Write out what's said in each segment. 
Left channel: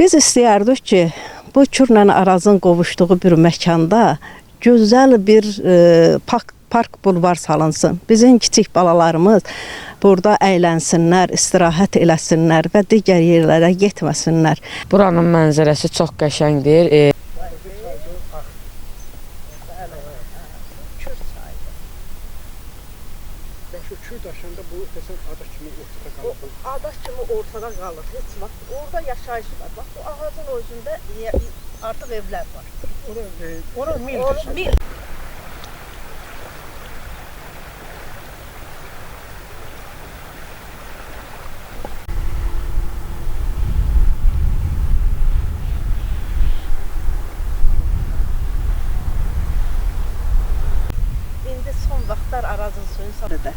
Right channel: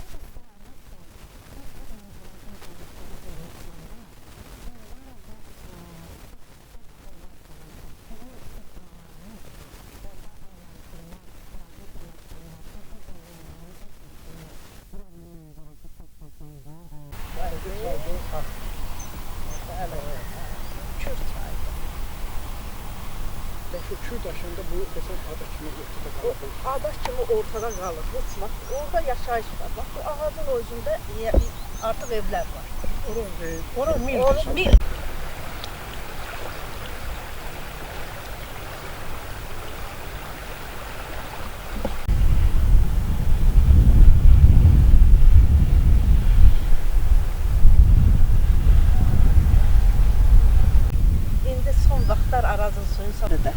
Biz istəyərdik ki, bu Kürlə Arazın qovuşduğu bir məkanda gözəl bir park bulvar salınsın. Bizim kiçik balalarımız burada əylənsinlər, istirahət eləsinlər və digər yerlərə getməsinlər. Buranın mənzərəsi çox qəşəngdir. Kür daşında bu desən ada kimi ortada qalır. Ada kimi ortada qalır. Heç vaxt orada yaşayış var. Bax bu ağacın özündə artıq evlər var. Ora mil. İndi son vaxtlar Arazın suyun sarıdır.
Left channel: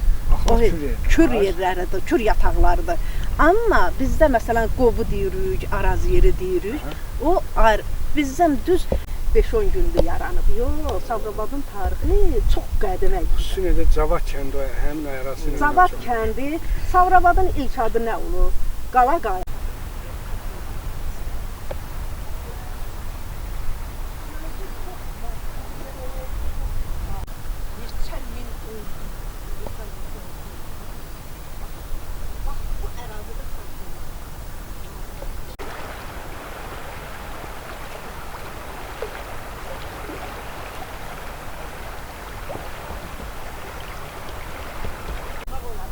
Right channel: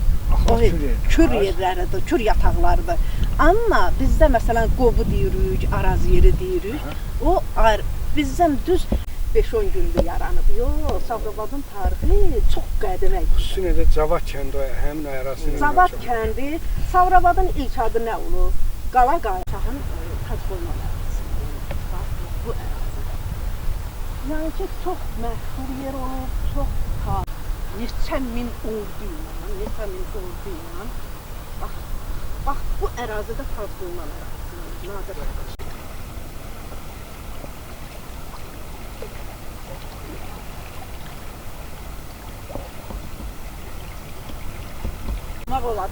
Kür yerləridir, kür yataqlarıdır. Amma bizdə məsələn qovu deyirik, Araz yeri deyirik. O bizdən düz 5-10 gündür yaranıb. Yox, Sabirabadın tarixi çox qədimə. Xüsusilə Cavad kəndi həmin ərazisi. Cavad kəndi, Sabirabadın ilk adı nə olur? Qala Qayçağın yəni ki, çox məşhur yer olub, çox neçə min oldu. Bax, bu ərazidə xalqlar.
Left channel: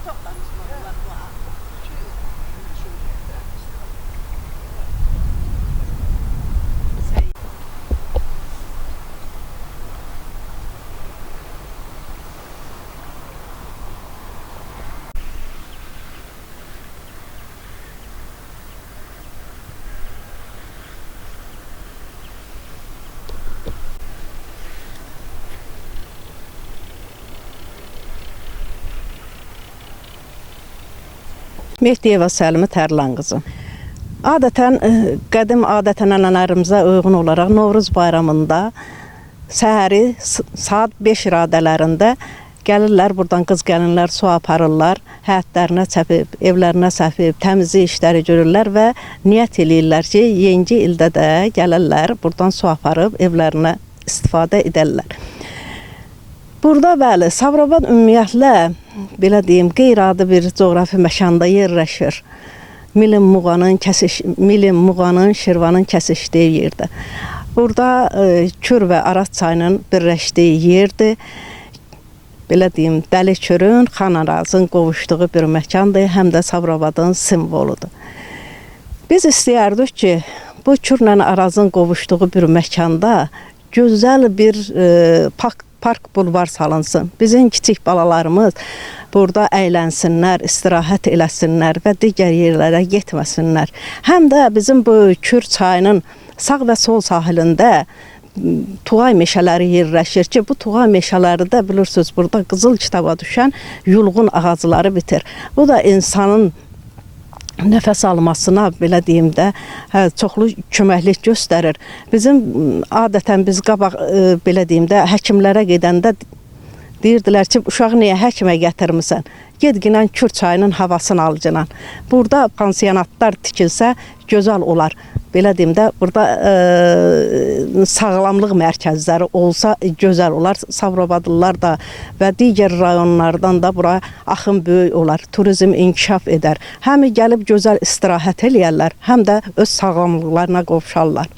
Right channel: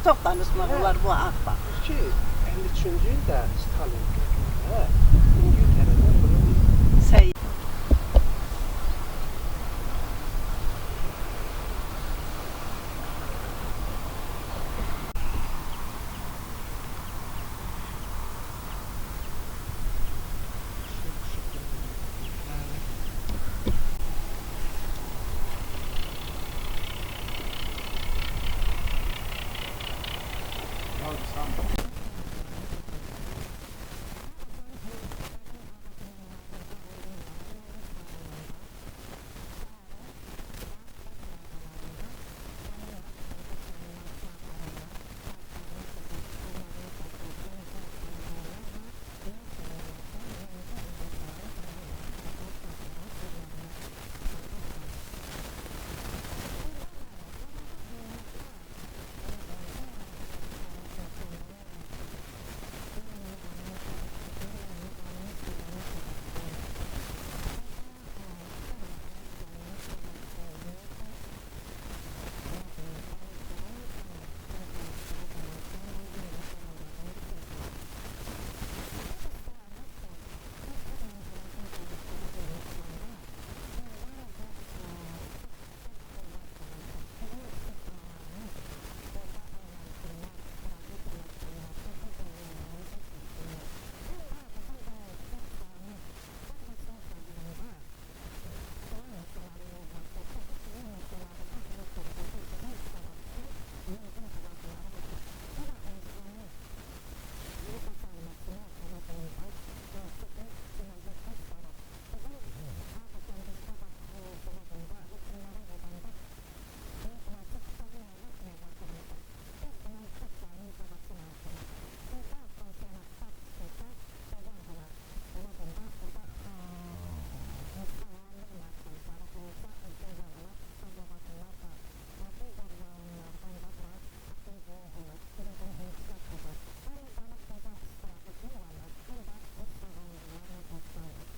Çox danışmaq olar bu haqda. Üçüncü də Stalin. Mehdiyeva Səlimi Tərlan qızı. Adətən, qədim adət-ənənələrimizə uyğun olaraq Novruz bayramında səhəri saat 5 radələrində gəlirlər, buradan qız gəlinlər su aparırlar, həyətlərinə çəpib, evlərinə səpib, təmizlik işləri görürlər və niyyət eləyirlər ki, yeni ildə də gəlirlər, buradan su aparıb evlərinə istifadə edərlər. Burada bəli, Sabirabad ümumiyyətlə, belə deyim, qeyri-adi bir coğrafi məkanda yerləşir. Milin Muğanın, Şirvanın kəsişdiyi yerdə. Burada Kür və Araz çayının birləşdiyi yerdir. Belə deyim, Dəli Kürün, Xan Arazın qovuşduğu bir məkandır, həm də Sabirabadın simvoludur. Biz istəyərdik ki, bu Kürlə Arazın qovuşduğu bir məkanda gözəl bir park bulvar salınsın. Bizim kiçik balalarımız burada əylənsinlər, istirahət eləsinlər və digər yerlərə getməsinlər. Həm də bizim bu Kür çayının sağ və sol sahilində Tuğay meşələri yerləşir ki, bu Tuğay meşələri də bilirsiniz, burada qızıl kitaba düşən yulğun ağacları bitir. Bu da insanın nəfəs almasına, belə deyim də, çoxlu köməklik göstərir. Bizim adətən biz qabaq, belə deyim də, həkimlərə gedəndə deyirdilər ki, uşağı niyə həkimə gətirmirsən? Gedginən Kür çayının havasını alcınan. Burada pansionatlar tikilsə gözəl olar. Belə deyim də, burada sağlamlıq mərkəzləri olsa gözəl olar. Sabirabadlılar da və digər rayonlardan da bura axın böyük olar. Turizm inkişaf edər. Həm gəlib gözəl istirahət eləyərlər, həm də öz sağlamlıqlarına qovuşarlar.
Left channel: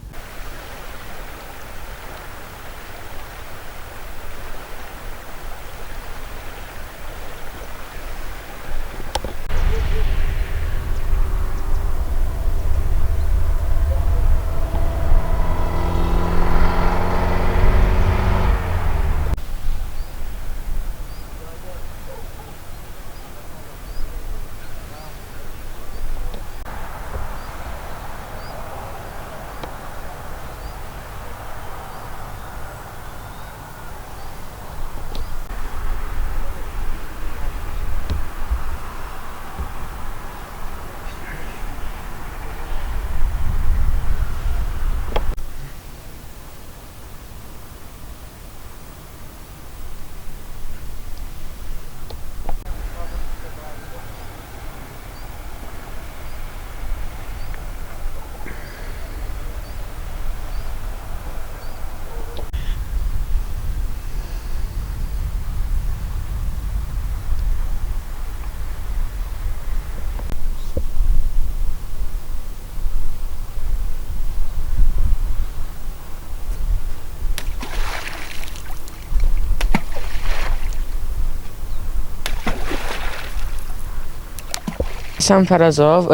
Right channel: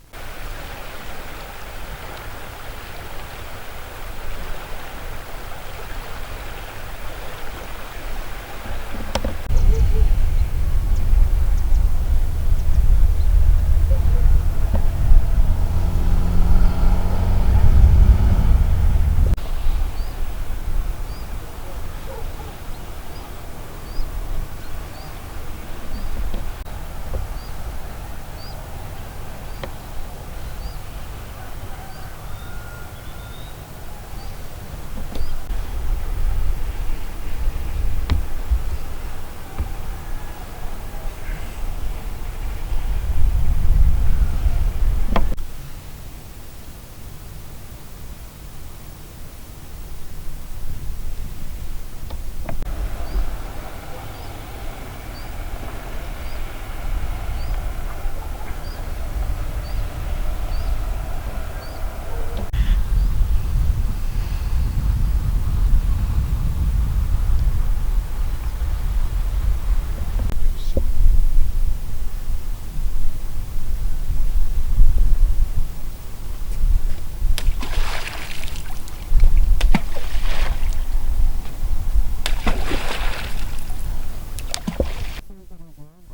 Həsən Fərəzov,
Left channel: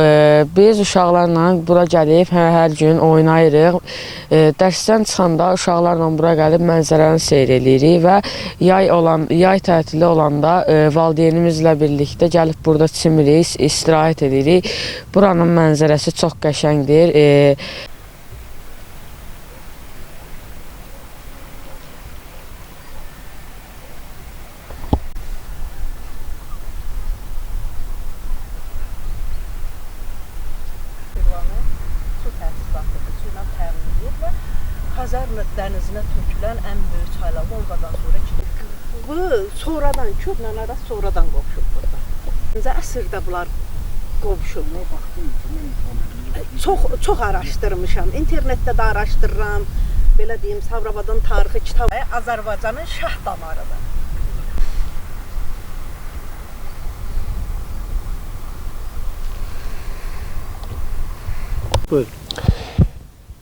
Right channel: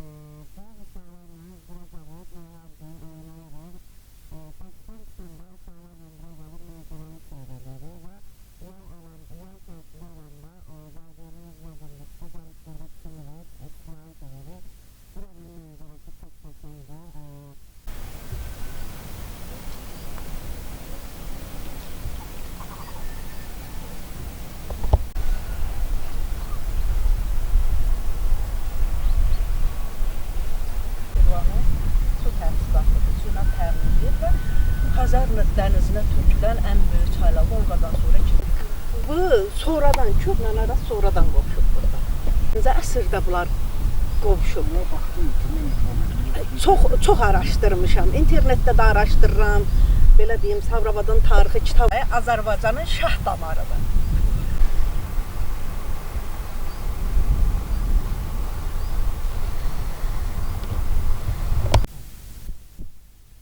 biz uşaqlarla bura gəlib hər gün oynayırıq. Dərsdən çıxanda uşaqlarla bura gəlib mənzərəni seyr edirik və yay tətili olanda valideynimizlə birlikdə gəlib burada çimirik, istirahət edirik. Buranın mənzərəsi çox qəşəngdir. Su təchizatı suyla təmin edir və Xəzər dənizinə tökülən ən böyük çaylar Volqadan sonra keçir. Bu sonradan Kürlə arası sonradan qovuşub burada. 9-cu əsrdə bunlar qovuşub. Çox araşdırmışam. İnternetdə də araşdırıram. Belə deyim, Sabirabadın tarixi kitabı Azərbaycanın şah damarıdır.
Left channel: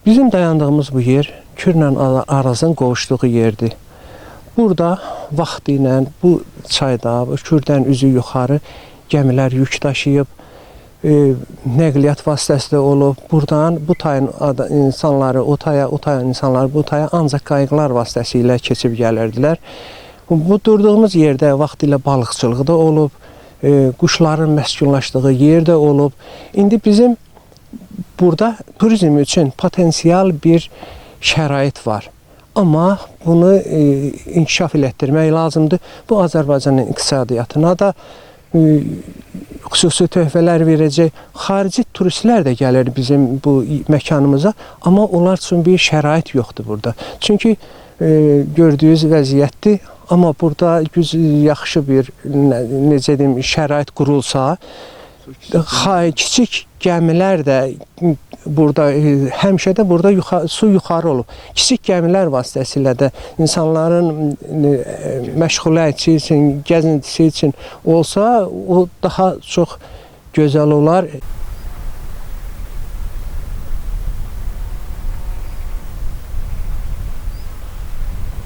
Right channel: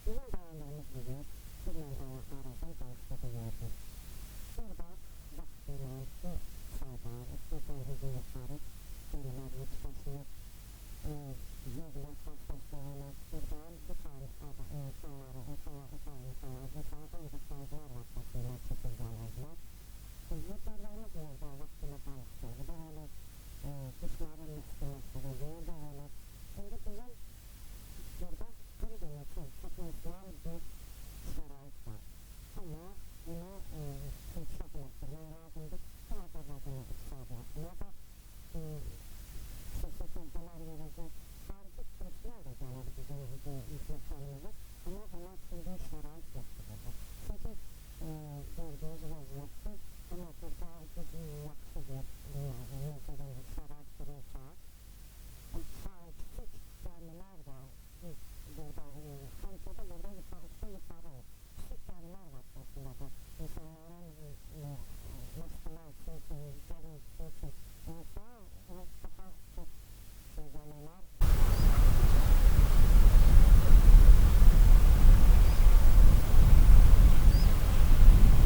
Bizim dayandığımız bu yer Kürlə Arazın qovuşduğu yerdir. Burada vaxtı ilə bu çayda, Kürdən üzü yuxarı gəmilər yük daşıyıb, nəqliyyat vasitəsi də olub. Buradan bu tayın insanları o taya, o tayın insanları bu taya ancaq qayıqlar vasitəsilə keçib gəlirdilər. Bu durduğumuz yerdə vaxtilə balıqçılığı da olub, quşların məskunlaşdığı yer də olub. İndi bizim burada turizm üçün potensial bir şərait var. Amma bunu inkişaf elətdirmək lazımdır. Bu Azərbaycanın iqtisadiyyatına da xüsusi töhfələr verəcək. Xarici turistlər də gəlir bizim bu məkanımıza, amma onlar üçün bir şərait yoxdur burada. Çünki gördüyünüz vəziyyətdir, amma burada yaxşı bir necə deyim, şərait qurulsa, kiçik gəmilər də burada, həmişə də burada su yuxarı olub. Kiçik gəmilər vasitəsilə də insanların məşğuliyyəti üçün, gəzintisi üçün olsa, o daha çox gözəl olar.